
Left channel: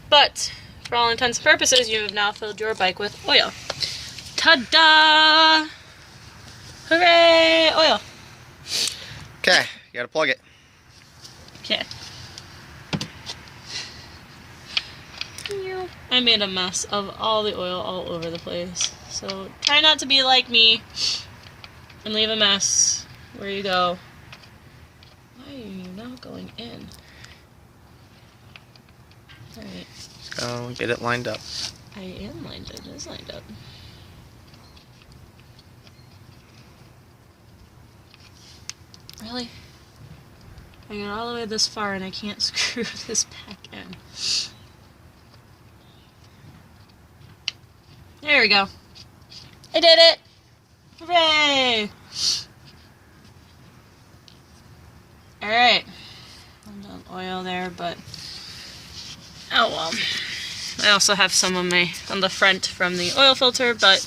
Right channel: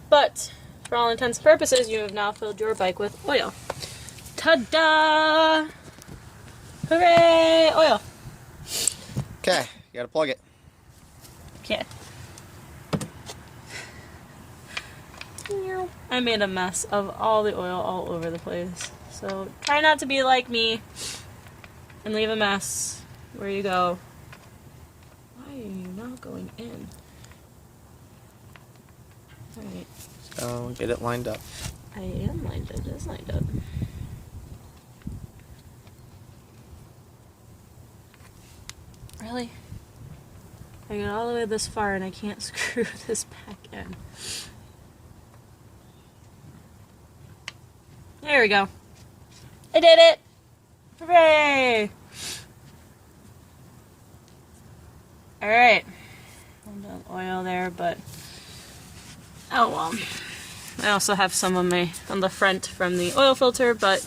But for all intents and purposes, you have now filled your bike with oil. Ta-da! Hooray! Oil. Okay, you gotta plug it. Okay. I made a mess of all the oil all over the place. So try not to be like me and leave a mess where you go. Why are you not going in? Alright. Just go get it lined up. I am lined up. It is lined up. Really? I got all the way this far and I can't screw this back in. There we go. I did it! Hooray! Alright. A little oil there, but... Oh well. I also have some on the front from the oil filter, but...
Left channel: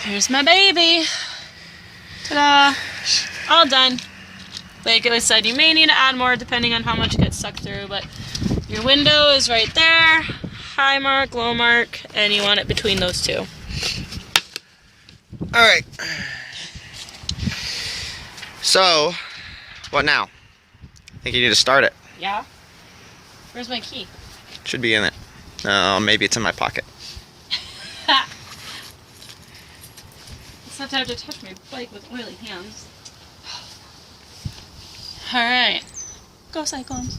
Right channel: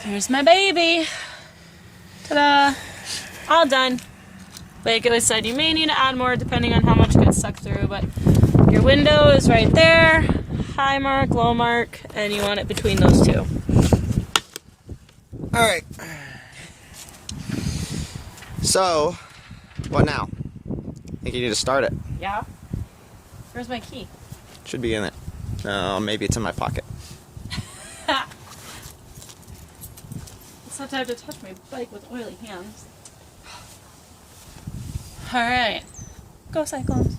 Here's my baby! Ta-da! All done. Like I said, you may need to add more depending on how much gets sucked through, but your window is right there. High mark, low mark, and you want it between those two. Alright. So, what now? I think you need to start it. Yeah? Where's my key? Should be in it. No, maybe it's in my pocket. It's not time to touch my bike with oily hands. Alright. Go Cyclones.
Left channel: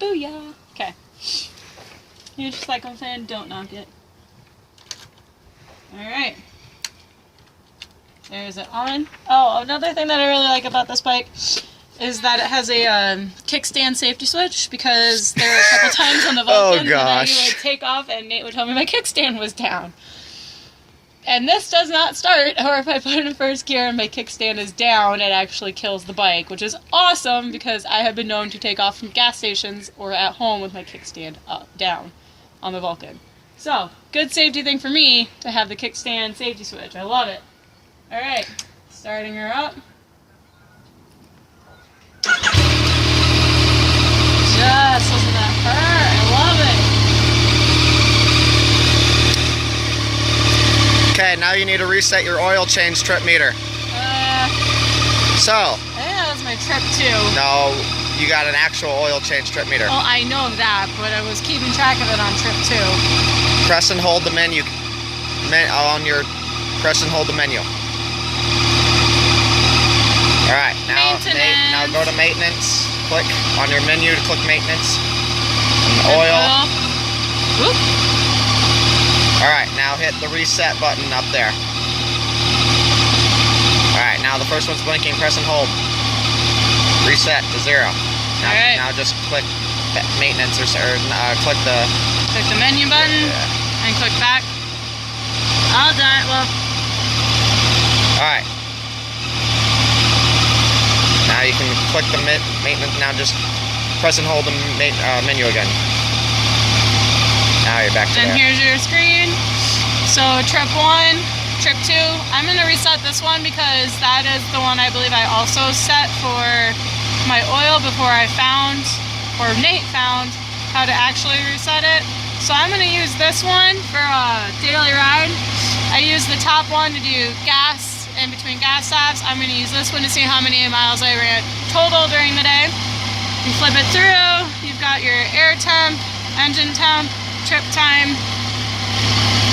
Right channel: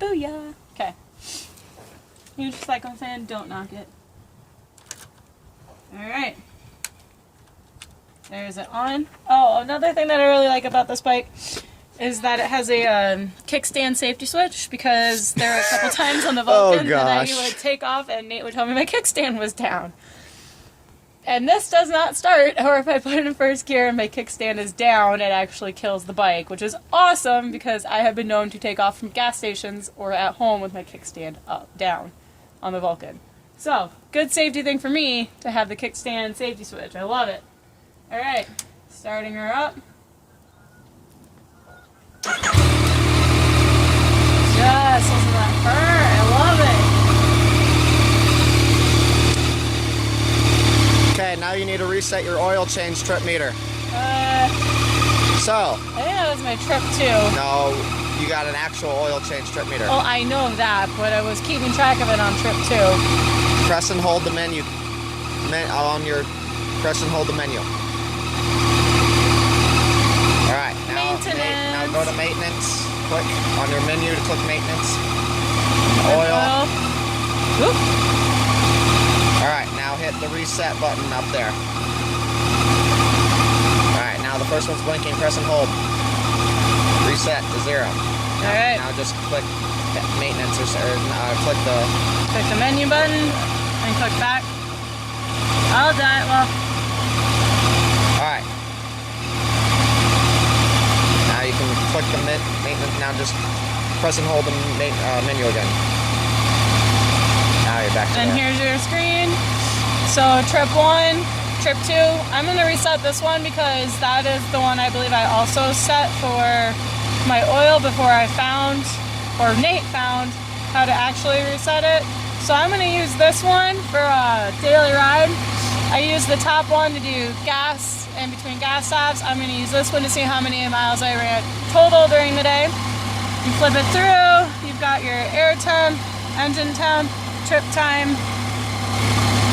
Booyah! Okay. Huge Cyclone fan, don't knock it. Alright. There's it on. Oh, another thing that I really like about this bike is that it has a kickstand safety switch, because there were a couple times on the Vulcan that I would take off and Nate would tell me my kickstand was down. And this does not start, or if I put it in first gear and my kickstand is down, it actually kills the bike, which is awesome because I have been known to take off from gas stations or at home with my kickstand down on the Vulcan. So, good safety thing for me to have the kickstand safety switch. I love it. Alright, starting her up. Just listen to that purr. I love it. Okay, now you need to reset your oil change trip meter. So. I think that was my trip too. No, you got an actual oil change trip meter. Well, I know that, but I was keeping track of it on trip 2. Press and hold the menu. Press and hold the menu. Alright, now go to maintenance. Click on your menu to click maintenance. Oil. Whoop. Alright, now hit the reset button up there. Alright, now the first one's blinking. Press and hold. Reset to 0. Now just click maintenance or click the menu button and click back. All done. Well. Alright. Now you can click the maintenance. Now just press and hold the menu again. Now you're back to there. And here's your screen. So trip 1, trip 2. I'm going to reset this one because that is the one I believe I also set for my oil before I found, or Nate found, how to actually reset it. So I'm going to use this one for a daily ride. I use the top one to do gas in between gas stops. I'm going to use this one to see how many miles I ran total during the day. You flip it through, you've got your air temp, engine temp, trip time,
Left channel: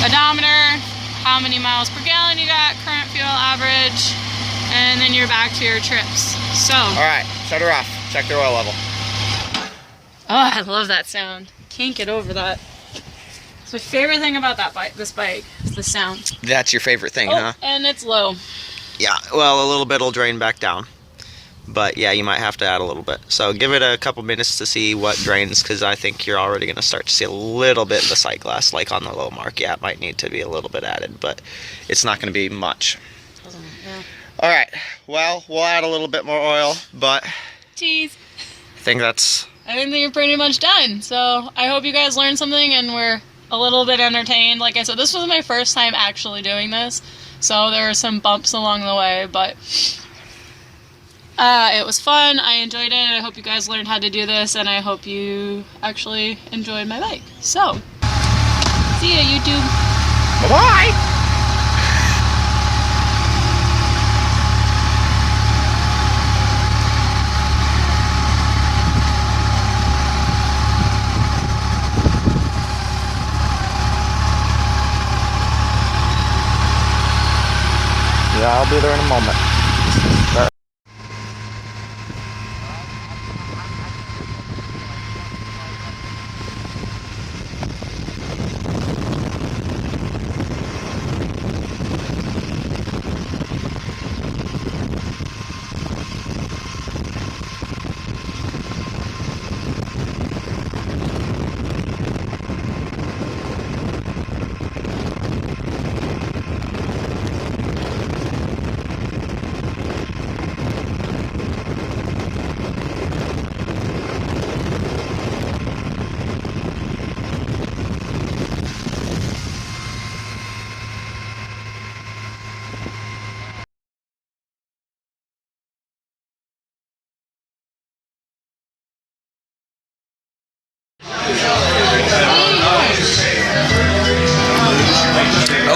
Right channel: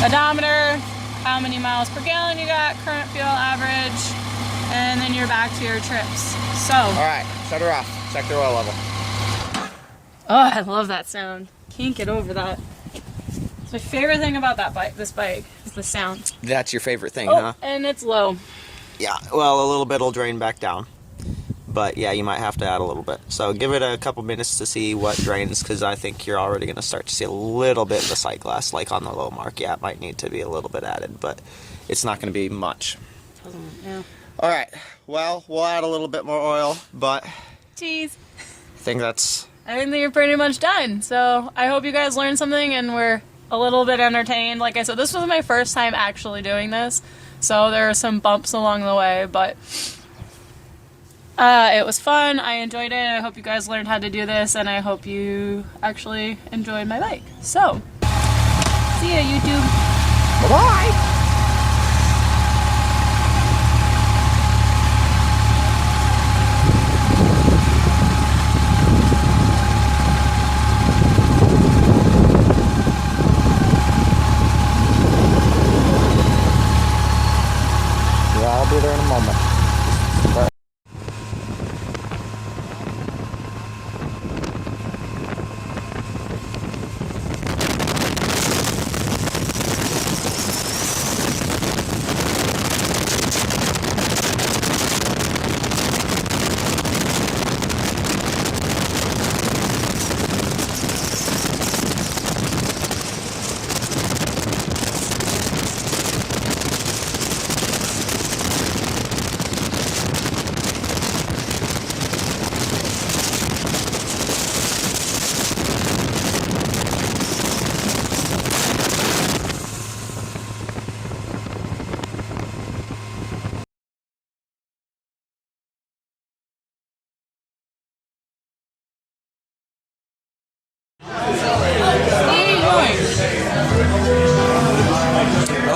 odometer, how many miles per gallon you got, current fuel average, and then you're back to your trips. So. Alright, shut her off. Check the oil level. Oh, I love that sound. Can't get over that. It's my favorite thing about this bike is the sound. That's your favorite thing, oh, huh? And it's low. Yeah, well, a little bit will drain back down. But yeah, you might have to add a little bit. So give it a couple minutes to see what drains, because I think you're already going to start to see a little bit of the sight glass, like on the low mark. Yeah, it might need to be a little bit added, but it's not going to be much. Yeah. All right, well, we'll add a little bit more oil, but Jeez. I think you're pretty much done. So I hope you guys learned something and were a little bit entertained. Like I said, this was my first time actually doing this, so there were some bumps along the way, but it was fun. I enjoyed it. I hope you guys learned how to do this, and I hope you actually enjoyed my bike. So, see ya, YouTube. Bye-bye! Yeah, I'll be there in a moment.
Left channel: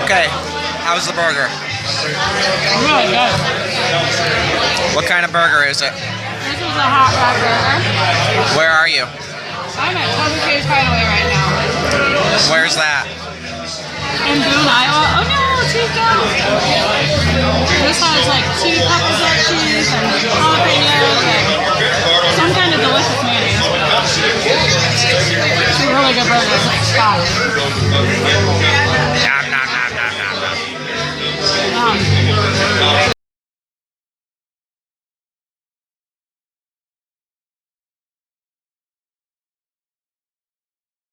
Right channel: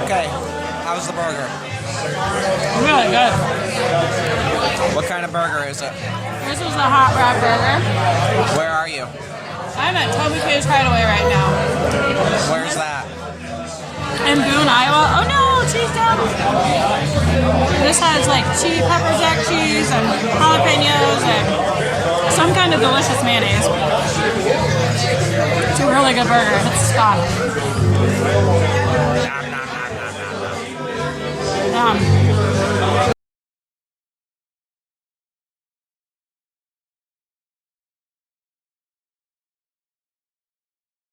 Okay, how's the burger? Really good. What kind of burger is it? This is a hot rod burger. Where are you? I'm at Toby K's Hideaway right now. Where's that? In Boone, Iowa. Oh no, cheese dough. This has like cheese, peppers, cheese, and jalapenos, and some kind of delicious mayonnaise. It's a really good burger. It's a spot. Nom, nom, nom, nom, nom, nom. Yum.